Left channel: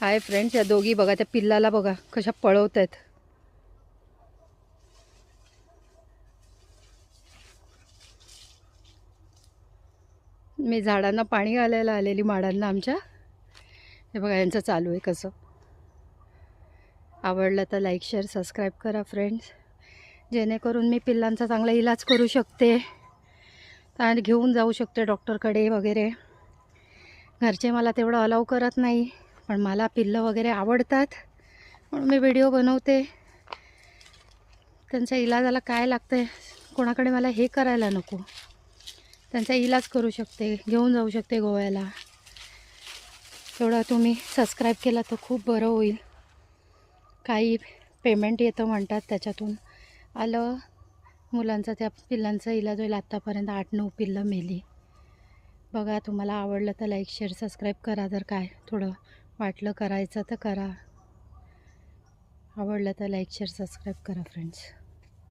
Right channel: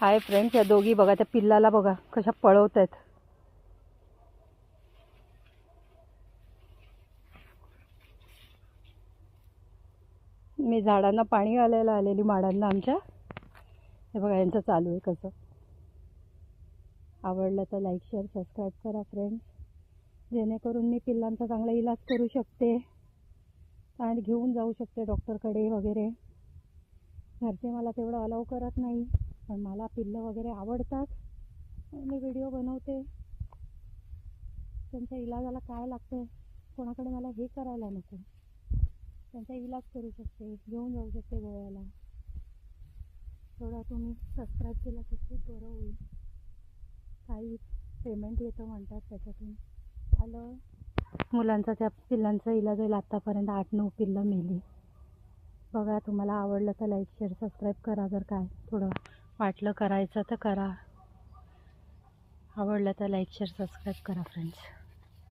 Hi friends, या दोघी बघा, त्या पिल्लाला बघा कशा पळवत आहेत. मी झाडांना पाणी घालायला आलेली, माडांना आमच्या. हे बघा यांचं चालू आहे कसं. आवडलं तर लाईक शेअर सबस्क्राईब करा फ्रेंड्स, जेणेकरून मी पिल्लांचा चांगला इलाज करू शकते आणि घेऊन जाऊ शकते डॉक्टरकडे वगैरे. घरचे मला तेवढं अलाव करत नाही, पण मला पिल्लं वगैरे आवडतात म्हणून मी व्हिडिओ बनवते. त्यांच्या इलाजाला काय लागतं आहे, कोणाकडे मला हे करायला नको. त्यांचा इलाज करू शकते, घेऊन जाऊ शकते गोव्याला. तेवढं तुम्ही सबस्क्राईब केला तर खूप बरं होईल. काही पेमेंट येतं म्हणतात, त्याच्यातून आलं मुलांचा, त्या पिल्लांचा इलाज होईल. आत्तापर्यंत 8-9 पिल्लं मेली. बघा, तुम्हाला आवडलं तर लाईक शेअर सबस्क्राईब करा. जर काय थोडं वाटलं करायचं तर करा. आवडलं तर लाईक शेअर सबस्क्राईब करा फ्रेंड्स.